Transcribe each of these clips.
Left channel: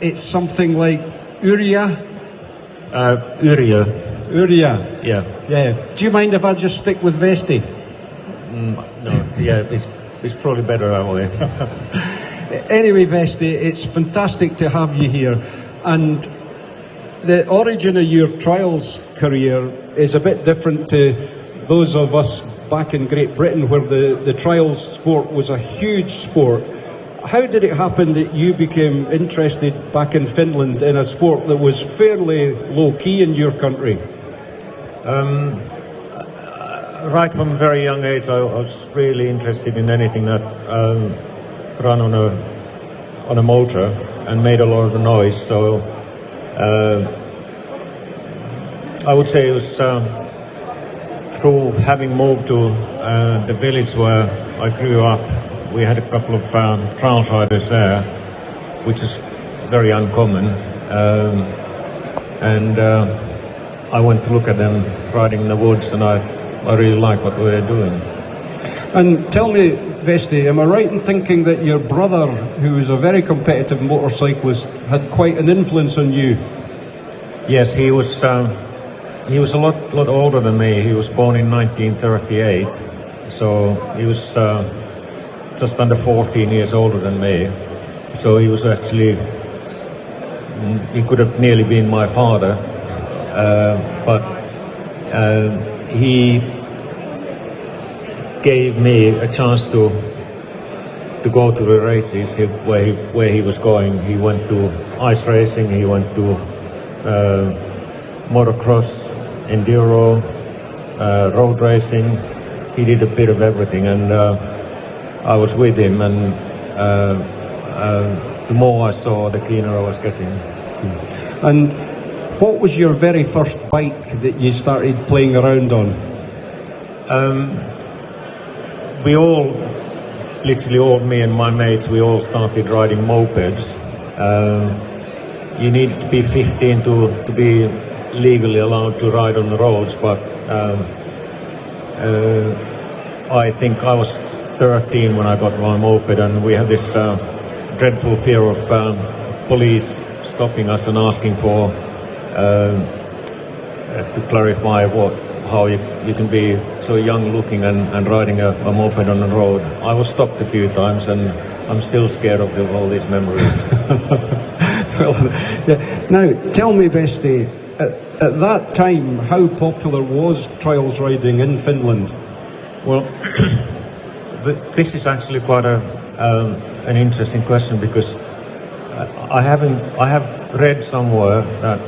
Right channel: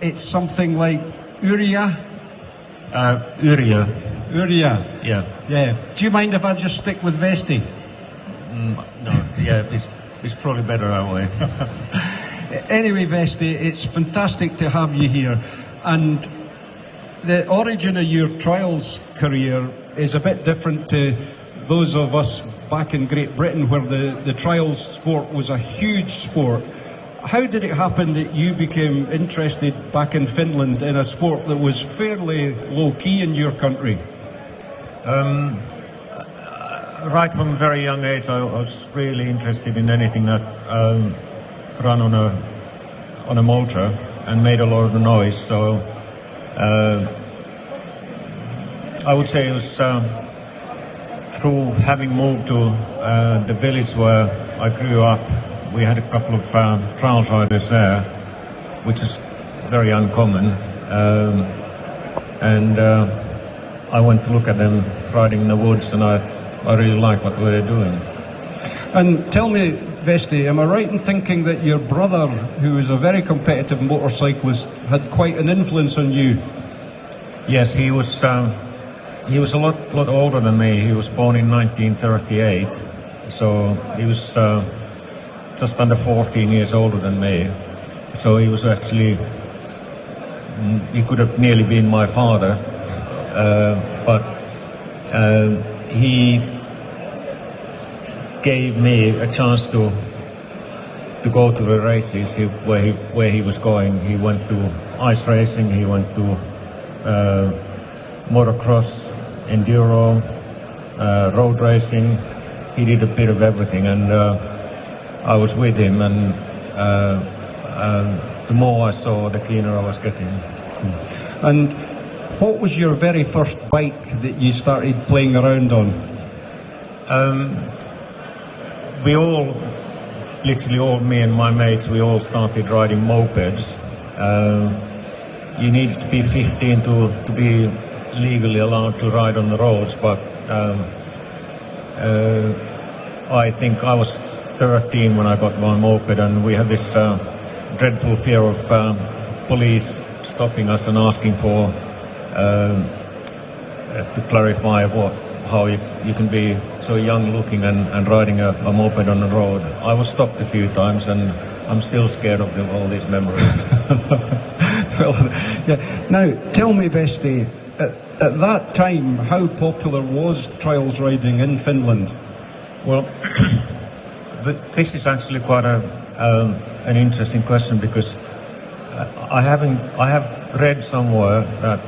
it's something like Yrjo? Yrjo. Yrjo? Yeah. Do you mind if I just stick with Vesty? Yeah, it's probably better that way. Anyway, Vesty, it's fantastic to have you here. And the origin of your trials career is a bit different to those of us back in Great Britain, where the trials sport was a huge sport. How did it happen that you became interested back in Finland in a sport that was fairly low-key in your country? Right from a very young age, I was really interested in anything that ran on a motor and made a lot of noise. So I would say it's through having moved to the village where I grew up. We had a couple of trials riders there, which is very uncommon. And I went to look at them riding in the woods, and I really like what they're doing. And tell me, Vesty, am I right in thinking that your brother, who was a very competitive motorcyclist, had quite an influence on you? Yes, he was a lot older than me. He was born in 1938, so he was just under 14 years older than me. So he was actually, he could have nearly been my father, but he gave me a chance to go to the races where he was going. He went to ice racing, he went to motocross, enduro, road racing. He did a bit of everything, and I was with him, and the more I saw, the keener I was getting. And what was your very first bike that you started playing around on? We all, literally all, me and my mates, we all started riding mopeds. You needed to be 15 to be legally allowed to ride on the roads, but I think I was 13 when I got my moped, and we had this dreadful fear of police stopping us and asking for to clarify how you can be so young looking and riding a moped on the road. I was stopped a few times, and I'm still scared of all these memories. Yeah. Now, tell me, Vesty, at that time, how popular was trials riding in Finland? Well, this is actually quite an interesting question, because I have read somewhere that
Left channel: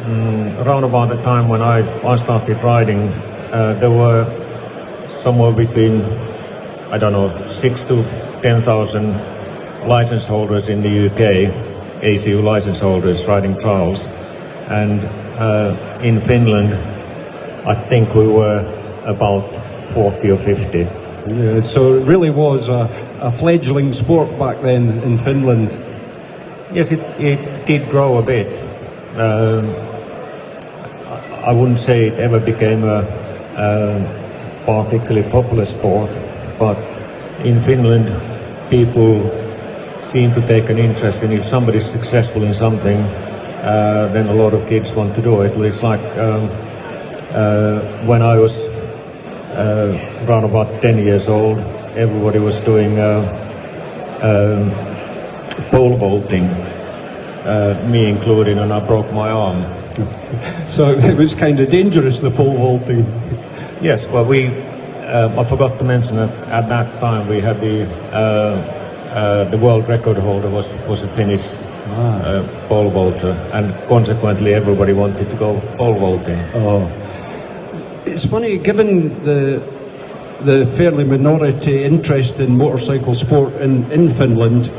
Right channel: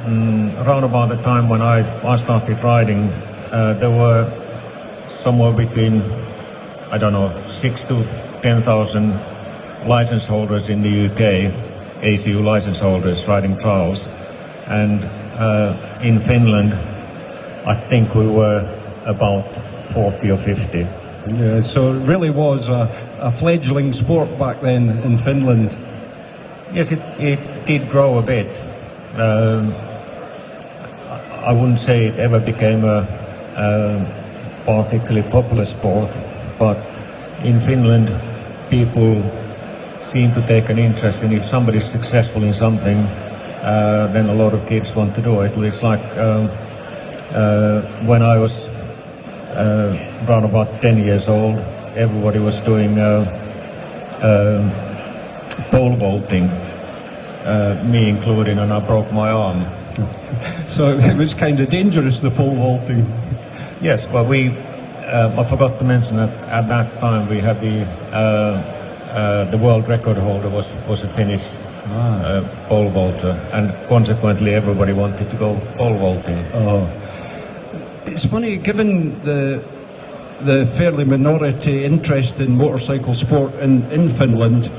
around about the time when I started riding, there were somewhere between, I don't know, 6,000 to 10,000 license holders in the UK, ACU license holders riding trials, and in Finland, I think we were about 40 or 50. Yeah, so it really was a fledgling sport back then in Finland. Yes, it did grow a bit. I wouldn't say it ever became a particularly popular sport, but in Finland, people seem to take an interest in, if somebody's successful in something, then a lot of kids want to do it. It's like when I was around about 10 years old, everybody was doing pole vaulting, me included, and I broke my arm. So it was kind of dangerous, the pole vaulting. Yes, well, I forgot to mention that at that time we had the world record holder was a Finnish pole vaulter, and consequently everybody wanted to go pole vaulting. It's funny, given the fairly minority interest in motorcycle sport in Finland.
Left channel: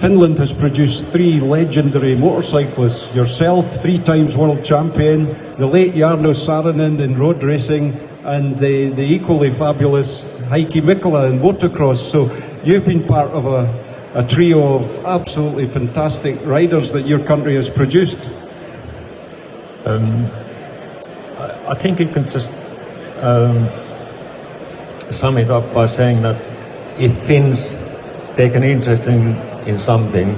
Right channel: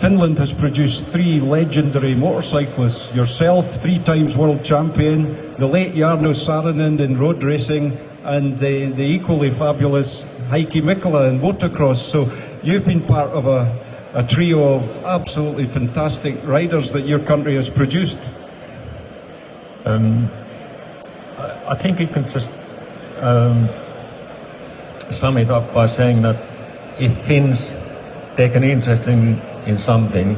Finland has produced 3 legendary motorcyclists. Yourself, 3 times world champion, the late Yrjo Vesty in road racing, and the equally fabulous Heikki Mikkola in motocross. So you've been part of a trio of absolutely fantastic riders that your country has produced. I think you can just sum it up by saying that if Finns take an interest in something,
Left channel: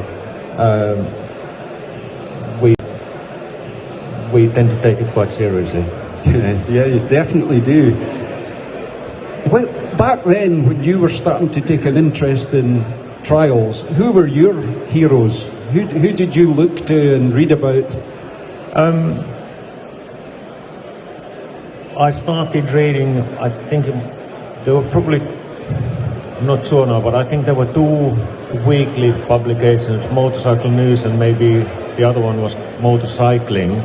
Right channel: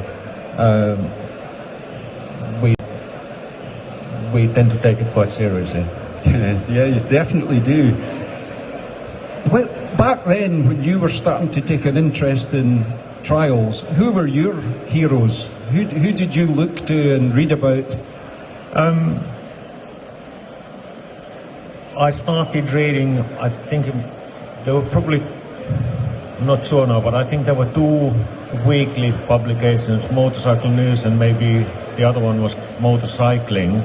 we tend to take it quite seriously. Yeah, you definitely do. Back then, when you were starting to take an interest in trials, who were your heroes? Who did you look to and read about? I started reading, I think there were probably, not sure now, but I think there were 2 weekly publications, Motorcycle News and maybe the other one was Motorcycling.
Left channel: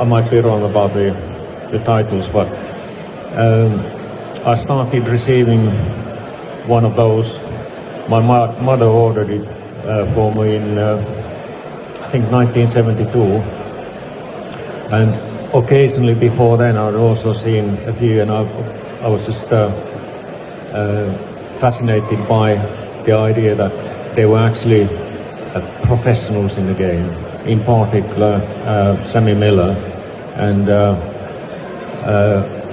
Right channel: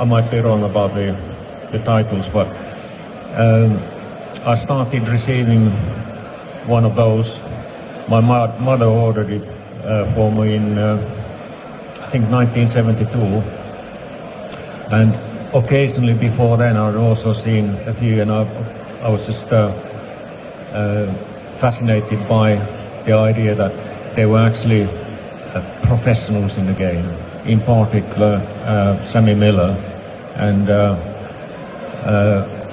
I might be wrong about the titles, but I started receiving one of those. My mother ordered it for me in, I think, 1972. And occasionally before then I've also seen a few, and I was just fascinated by the idea that they were actually professionals in the game, in particular Sammy Miller, and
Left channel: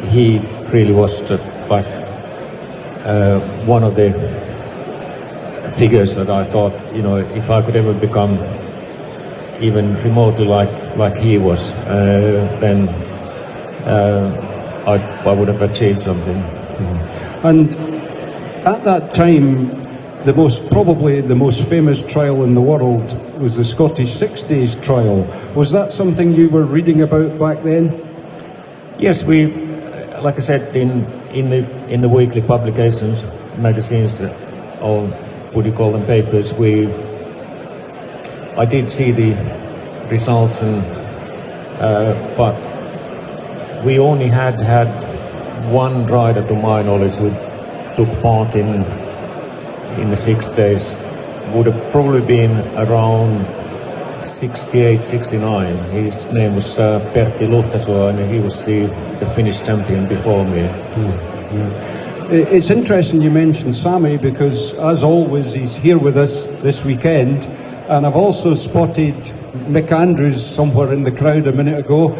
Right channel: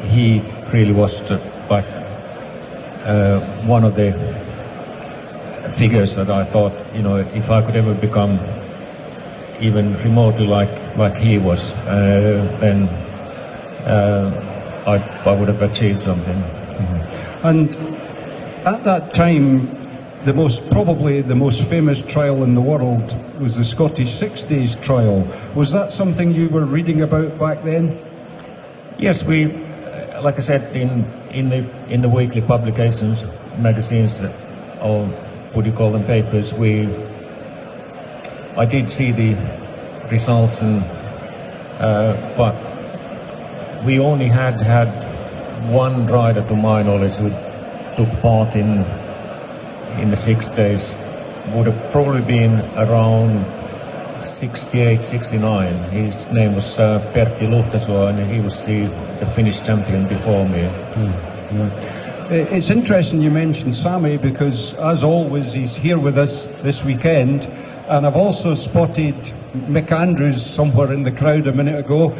he really was like one of the figures that I thought, if I could ever become even remotely like he was, then I would have achieved something. And at that time, probably the most famous trial in the world was the Scottish 6 Days trial. Was that something you were reading about back then? Yes, like I said, in the weekly publications, magazines, or what do you call them, papers, I did see the results, and but we only had one rider, to my knowledge, who took part in the 6 days. Would have probably been around 68, 69. His name was Pertti Luhtasoo, and he was the Finnish champion before me. It's interesting you mentioned Sammy, because as always he's here with us this weekend, and I've also spotted Mick Andrews somewhere in the crowd a minute ago,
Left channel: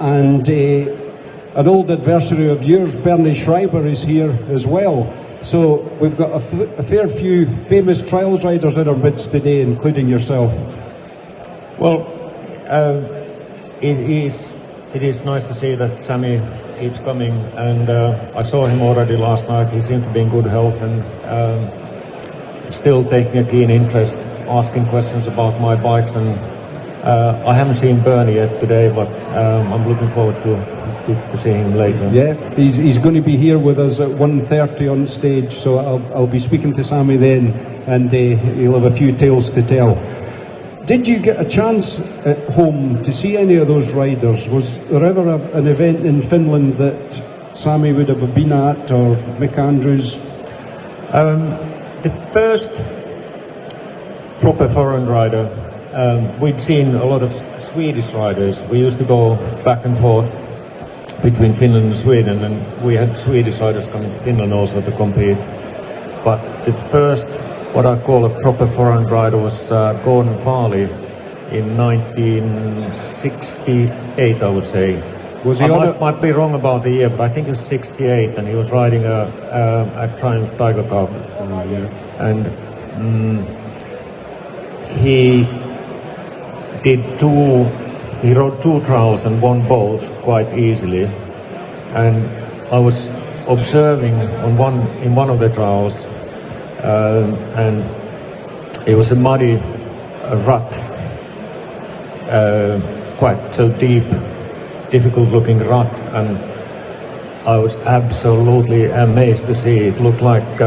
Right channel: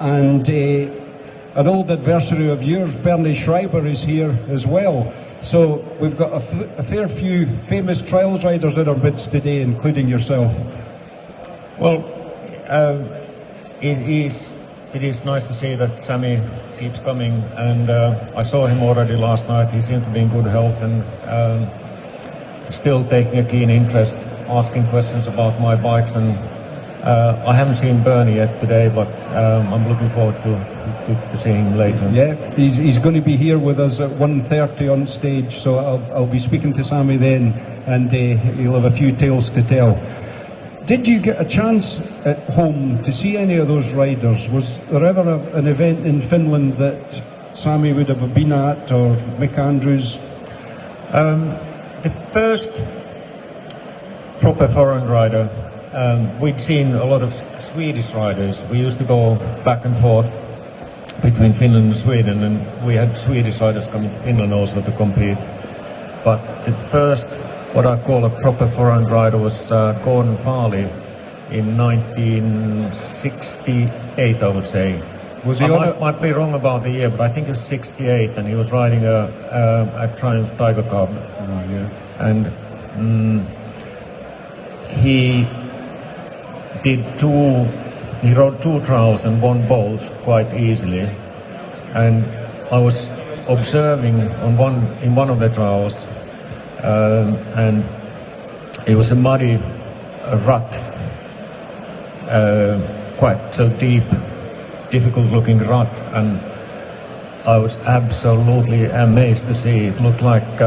and an old adversary of yours, Bernie Schreiber, is here as well. So we've got a fair few famous trials riders in our midst today, including yourself. Well, it is nice to see that Sammy keeps coming, and I saw him already last night. He seemed to be in good health and still taking a keen interest, asking questions about my bikes, and I haven't seen Bernie yet today, but I'm looking forward to seeing him later. Yeah, he's going to be here with us at 1:30 on stage, so I'll be speaking to Sammy then, and he'll have a few tales to tell. Did you get a chance at home to see any of those riders? Was there ever an event in Finland that Sammy would have been at, or Mick Andrews? The first proper foreign rider, we'd seen a lot of Swedish riders. We used to go back and forth between Finland and Sweden, and we had Swedish riders coming to Finland also to compete. But the first, what I call a proper foreign rider, was Gordon Farley in 1968, I would say. Might be wrong about the year, but I think it was 68, and he was riding a Triumph Tiger Cub. And he rode 2 trials and won both quite easily. And I was observing in one of the trials, and it was a muddy rut, quite so deep, difficult looking rut, and I was absolutely amazed to see it. Looked like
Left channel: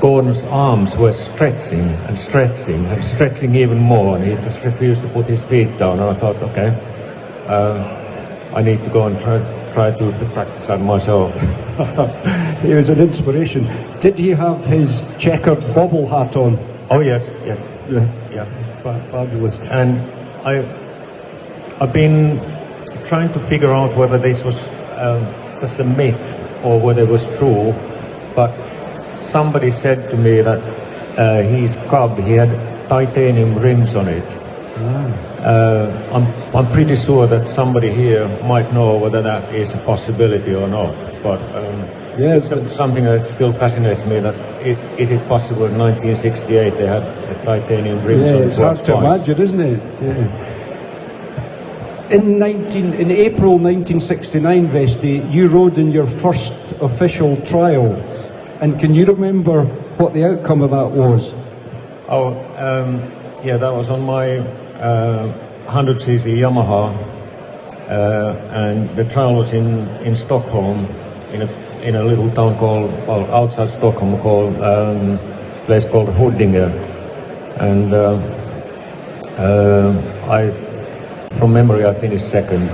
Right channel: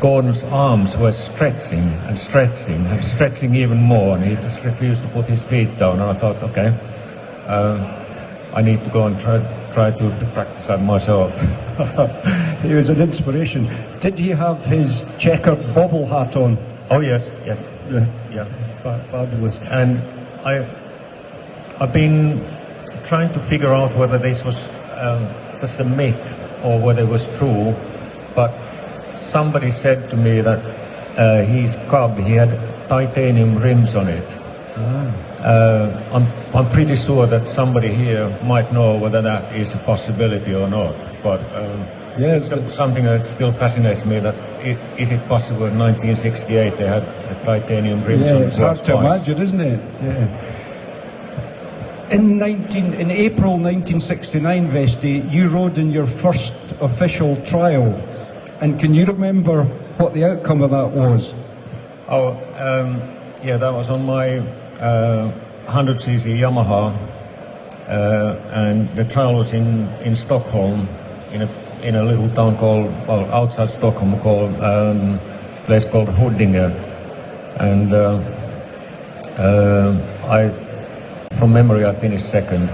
Gordon's arms were stretching and stretching even more, and he just refused to put his feet down. And I thought, okay, I need to go and try to practice that myself. He was an inspiration. Did he have his checkered bobble hat on? Oh yes. Yeah. Fabulous. And I've been trying to figure out whether this was just a myth or whether it was true, but somebody said to me that his cub, he had titanium rims on it. I'm pretty sure that somebody here might know whether that is a possibility or not. But Yes. It's something that still fascinates me. That is it possible in 1968 they had a titanium rim? Yeah, it's hard to imagine, isn't it? Yeah. In April 1969, Vesty, you rode in your first official trial. And can you remember what the outcome of that was? Yeah, that was on my 100cc Yamaha, and the trial was in Stockholm, in a little town called, outside Stockholm, called a place called Huddinge. And from memory, I finished second.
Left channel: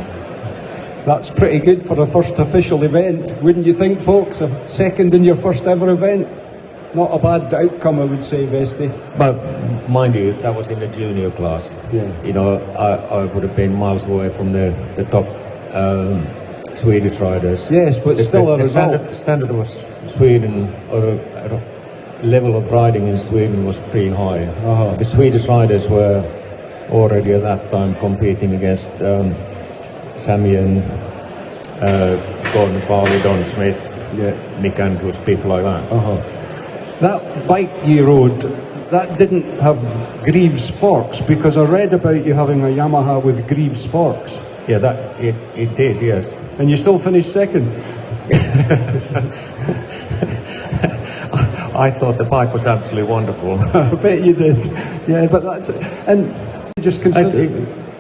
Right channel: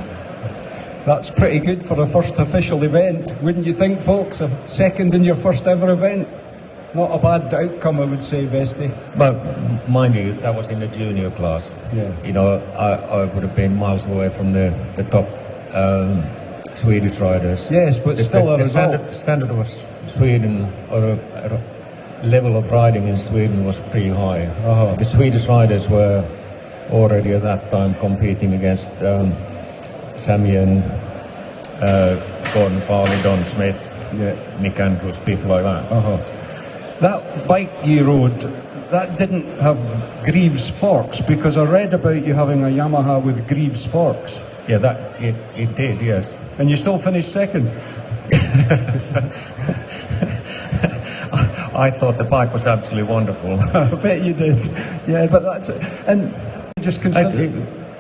That's pretty good for a first official event, wouldn't you think, folks? A second in your first ever event. Not a bad outcome, I would say, Vesty. But mind you, I was in the junior class. Yeah. You know, I would have been miles away from the top Swedish riders. Yes, but still a result. The standard of Sweden, level of riding in Sweden was pretty high. Uh-huh. The Swedish riders were already at that time competing against Samuel, Gordon Farley, Don Smith, Nick Andrews, people like that. Uh-huh. That bike you rode, that didn't have Greaves forks, because I read about you having a Yamaha with Greaves forks. Yeah, it did, yes. And you still finished second. I thought the bike was actually wonderful. I bet you did. Yeah, but that's it. And just consider...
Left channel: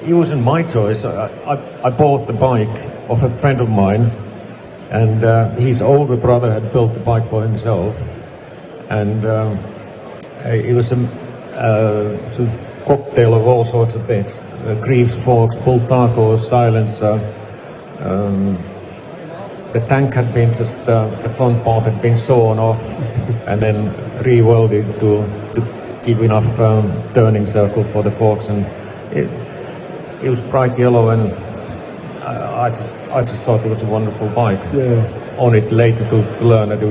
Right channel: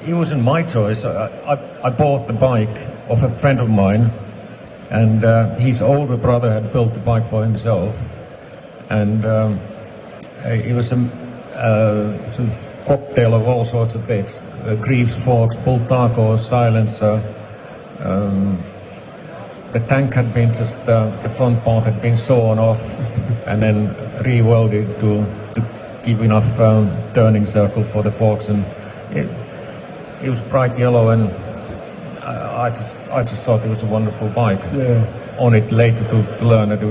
It wasn't my choice. I bought the bike of a friend of mine, and his older brother had built the bike for himself. And it was a sort of cocktail of all sorts of bits. Greaves forks, bull taco, silencer. The tank had been just, the front part had been sawn off and then re-welded to give enough turning circle for the forks. And it was quite yellow, and I just thought it was a wonderful bike. Yeah. On it later to learn that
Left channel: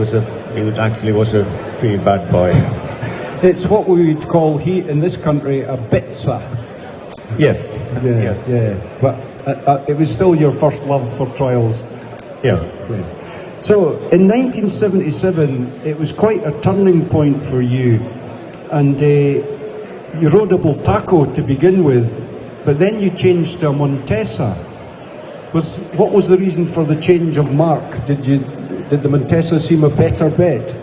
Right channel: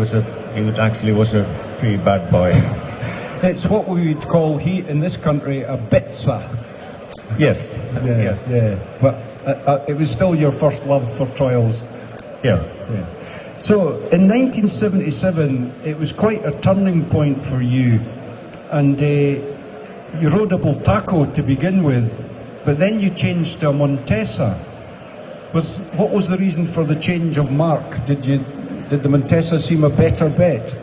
it actually was a pretty bad bike. It's what we would call here in this country a bitsa. Yes. Yeah. But it was still your first love for trials. Yeah. So in 1977, it was quite a turning point for you, and you rode a Bultaco to begin with, but then you changed to a Montesa. What was the reason for the change of mark? Did the Montesa seem a better bet?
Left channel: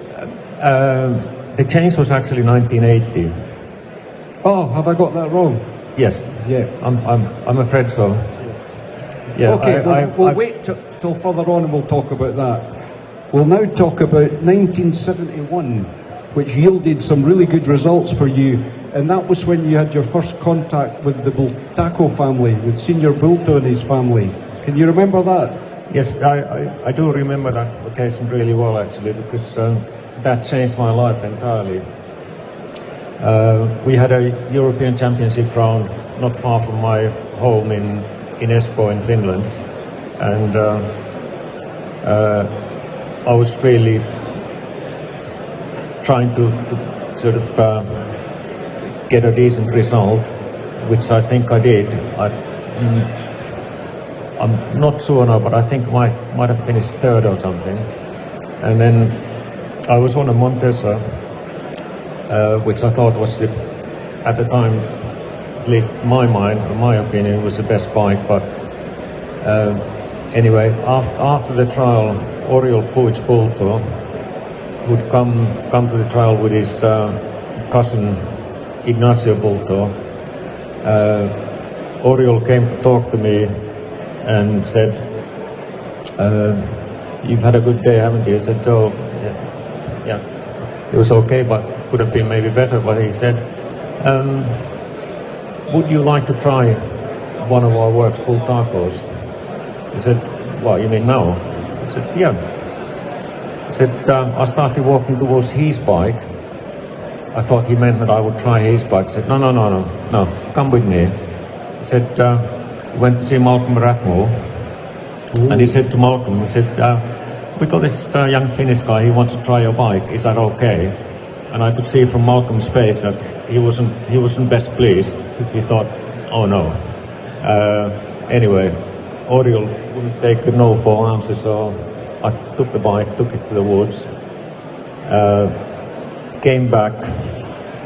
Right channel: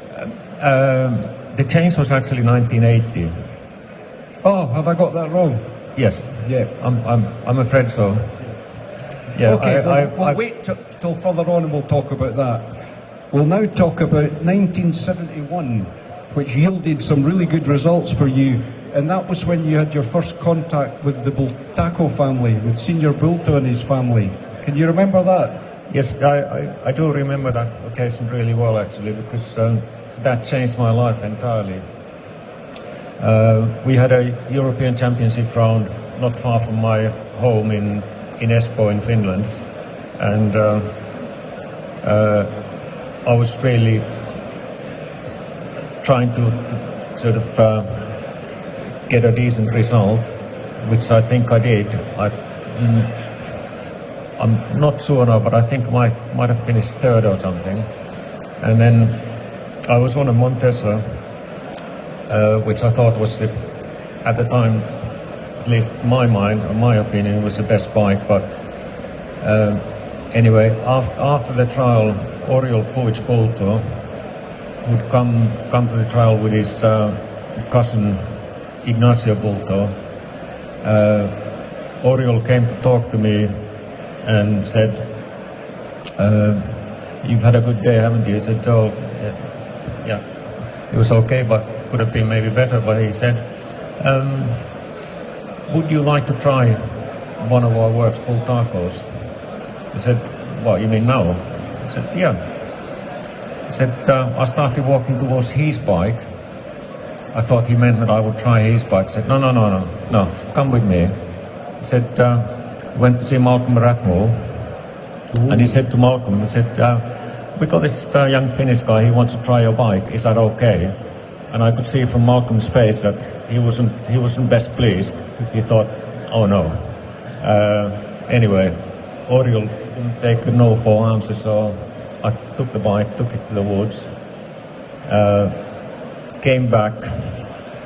The change was actually 1980. Oh, have I got that wrong? Yes. Yeah. I'm afraid so. Yeah. Okay, we'll wait till further on and we'll talk about that. We'll now talk about 1971, which yielded some really good results for you, and that was when you had your first contact with the Bultaco family, with Senior Bulto and his family. Can you remember that? Yes, I do remember that occasion really well, actually, because that changed my life entirely. We had a European Championship round not far from my home in Espoo in Finland, and I was really trying to sort of get a decent result, which I think I did. I'm not sure now, but I think might have finished third or something. And then I was on a Montesa, which I thought was, at the time, at least in my mind, in my opinion, was the best bike. But anyway, after the trial, Oriol Puig Bulto would come to the trial with his cousin Ignacio Bulto. Oriol came to talk to me and said, "You've had a good day, haven't you?" I said, "Oh, yeah, it was okay, but could have been maybe better." But he said, "Would you like to try one of our works called Tacos?" I said, "What, you mean now?" I said, "Yeah." He said, I started walking towards his bike. I thought he meant that I would try his bike. I said, no, come with me. He said, went to see Malcolm Rathmore, and he said to Malcolm, he said, "We got this young Finnish guy, he wants to try your bike, is that okay?" And I could see from Malcolm's face that he wasn't best pleased. He thought, "Oh no." Anyway, Oriol wouldn't take a no for an answer, so I took the bike, took it to the woods, came back,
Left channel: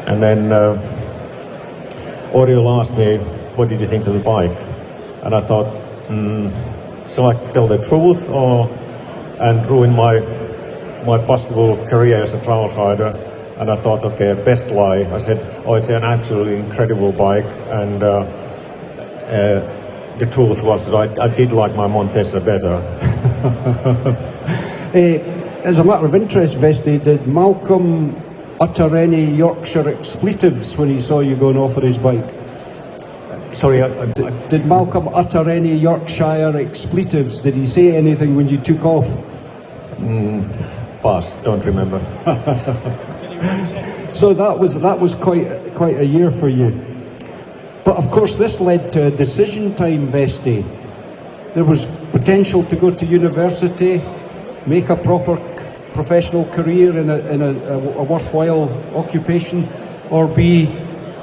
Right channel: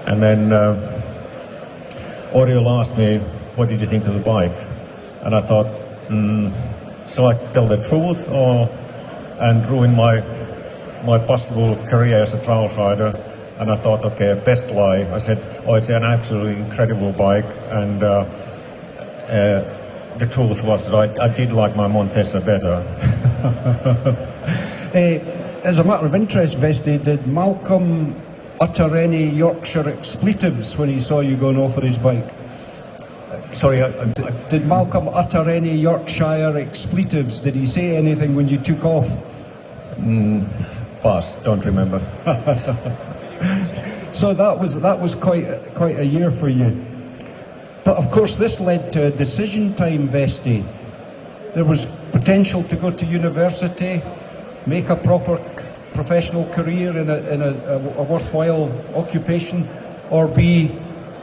and then Yrjo asked me, what did you think of the bike? And I thought, shall I tell the truth and ruin my possible career as a trials rider? And I thought, okay, best lie. I said, oh, it's an absolutely incredible bike, and the truth was that I did like my Montesa better. As a matter of interest, Vesty, did Malcolm utter any Yorkshire expletives when he saw you going off on his bike? Sorry? Did Malcolm utter any Yorkshire expletives? Did he say anything when you took off? Pass, don't remember. So that was quite a year for you. But of course this led to a decision time, Vesty. There was potential to go to university, make a proper professional career in a worthwhile occupation, or be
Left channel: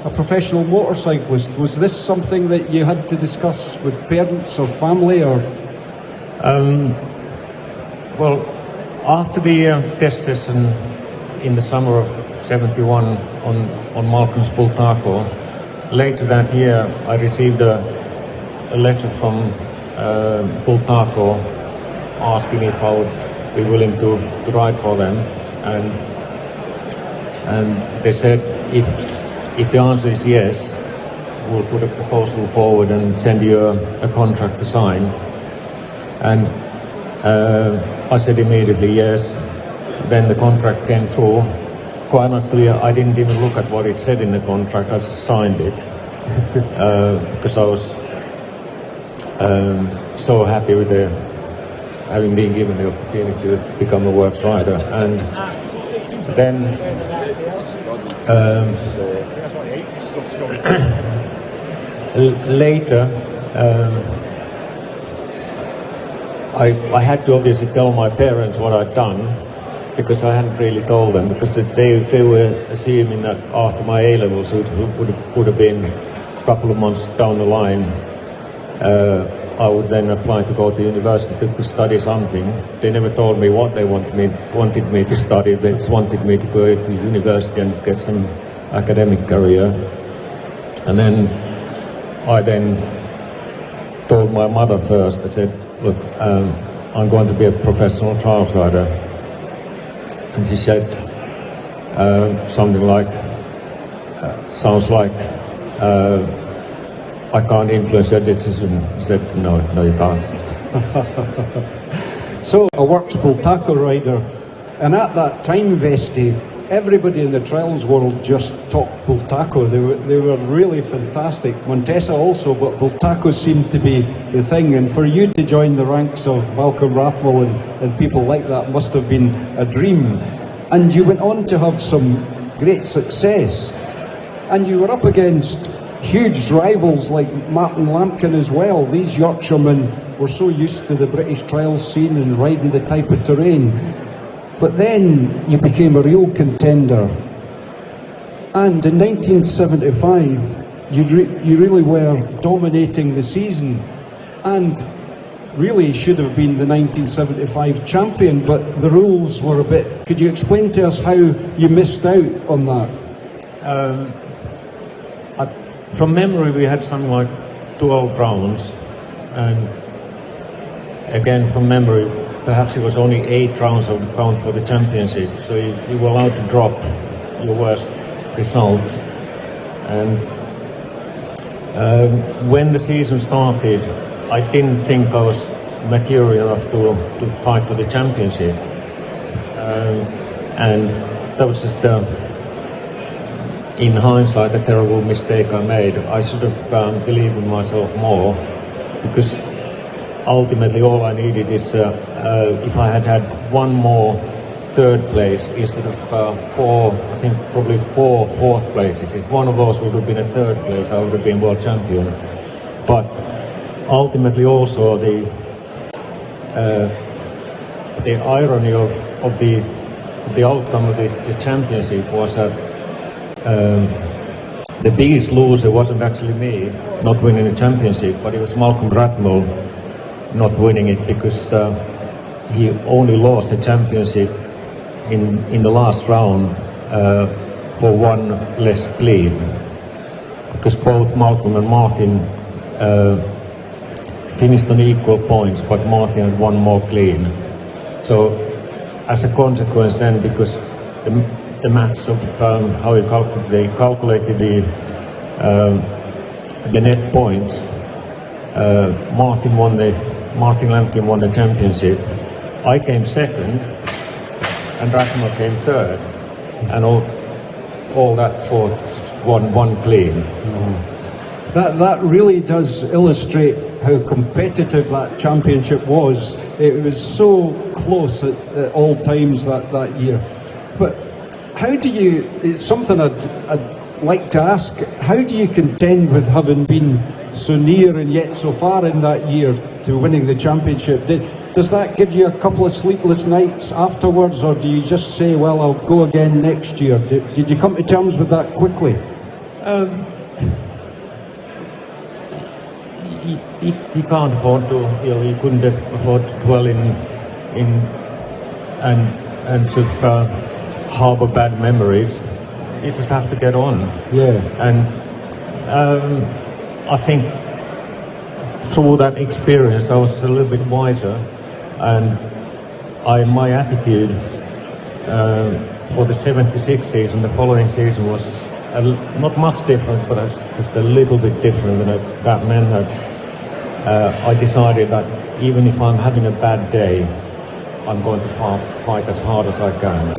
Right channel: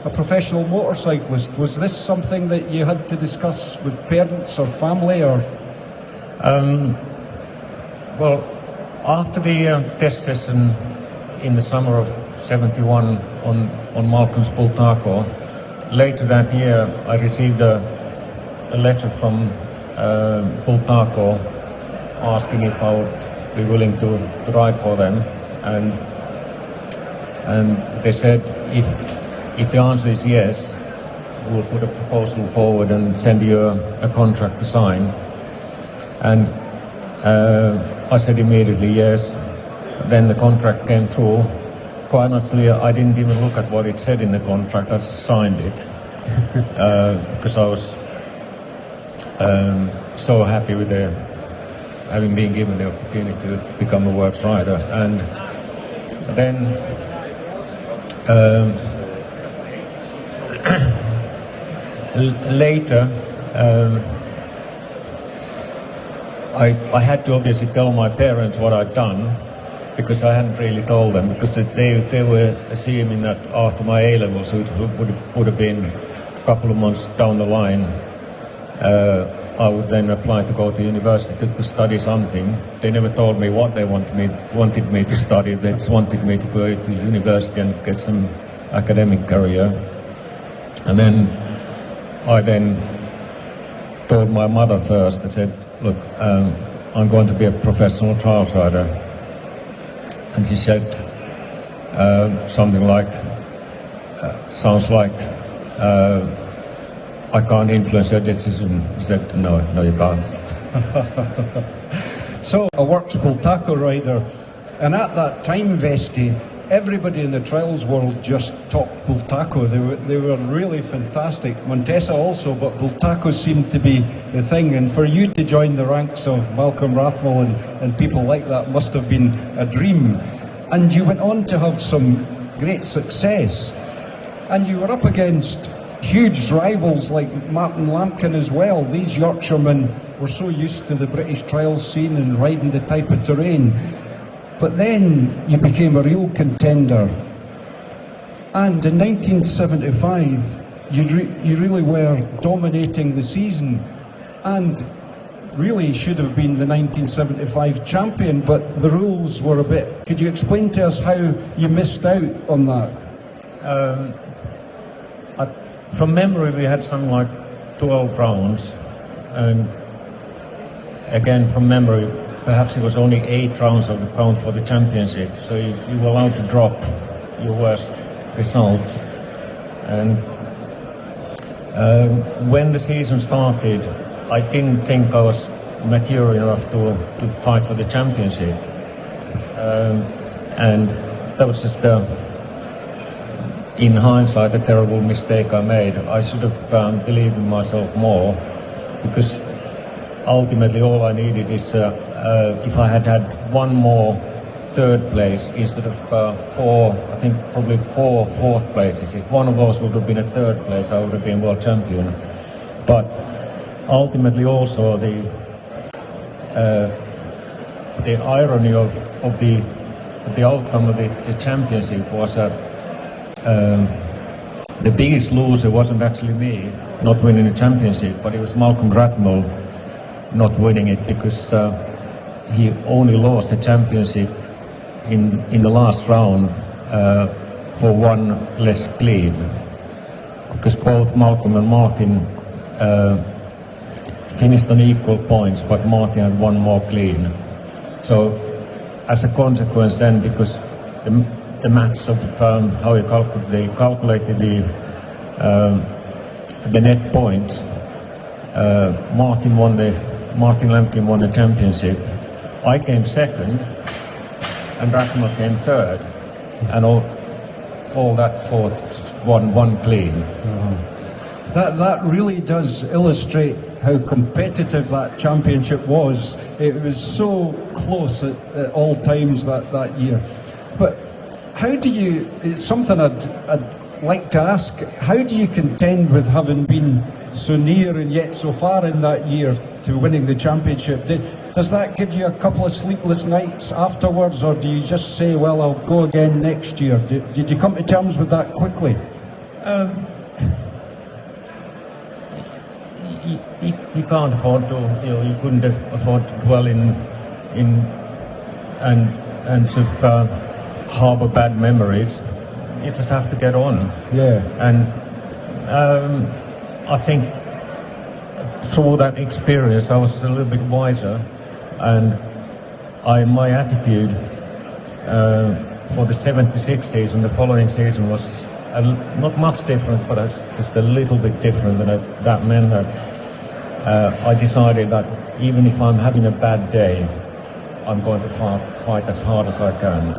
a professional motorcyclist. Was this something that you had to discuss with parents or family, or? Well, after the test session in the summer of '71 on Malcolm's Bultaco, later that year I received a letter from Bultaco asking if I would be willing to ride for them, and they said if the answer is yes, we'll put a proposal forward and send you a contract to sign. And I said immediately yes. Then the contract came through. Quite honestly, I didn't even look at what it said in the contract. I just signed it because I was so happy with having been given the opportunity to become a works rider. And then later, I had to obviously tell my parents what I'd done, because I hadn't really told them, because they were assuming that after my A-levels, which would have been a couple of months down the line, I would then apply to go to university to study something. They never told me what they wanted me to study. They just wanted me to go to university and get some academic career. And then I told my mother first. I said, look, I'm going to be a professional trials rider. And she said something like, sounds like I can't influence her decision. I said, no, you can't. So, a works Bultaco rider, and at that time, Vesty, everybody in the trials world just talked Bultaco. They were really fantastic. Montesa also, but Bultaco seemed to be the thing. And for you to join the ranks of Malcolm Rathmell and people like that must have been a dream. And you went on to have some great success. And you were up against huge rivals like Martin Lampkin as well. These Yorkshiremen were so used to the British trials scene and riding the type of terrain. But then you became a real contender. And in 1975, you really were dominating the season, and really should have been the 1975 champion, but the rules were a bit... Could you explain to us how you missed out on that? From memory, we had something like 12 rounds, and again, from memory, perhaps it was only 8 rounds of the count for the championship, so you were allowed to drop your worst results. And when the season started, I didn't think I was mature enough to fight for the championship. And that was just in hindsight, a terrible mistake I made. I should have believed in myself more, because ultimately all I needed is if I had one more third place instead of 4, I think probably 4 fourth places. If one of those would have been a third place, I would have been world champion. But ultimately also the irony of the outcome of the championship was that the biggest loser wasn't actually me not winning the championship, but it was Malcolm Rathmell not winning it, because he only lost the championship in the last round for one less clean, because both Malcolm and Martin finished in equal points, but Martin had one more clean. So as a consequence then, because the maths of how they calculated the net points, Martin Lampkin won the championship. I came second, and Ragnar came third, and all that for one clean. That really does illustrate how competitive that championship was. It was so close at all times that year. But how do you, it's something I'd like to ask, how do you contend with having been so near and yet so far in that year to winning the championship? Does that give you a couple of sleepless nights afterwards, or do you just say, well, I'll go again next year? Did you come to terms with that quickly? He can't afford to. He couldn't afford to dwell in and sort of harbour bad memories. You just have to get on. Yeah. And I think through that experience, I was a little bit wiser, and my attitude for the 76 season, the following season, was not much different, but just a little bit different about manhood. I decided that even if I'm having a bad day, I'm going to fight as hard as I can.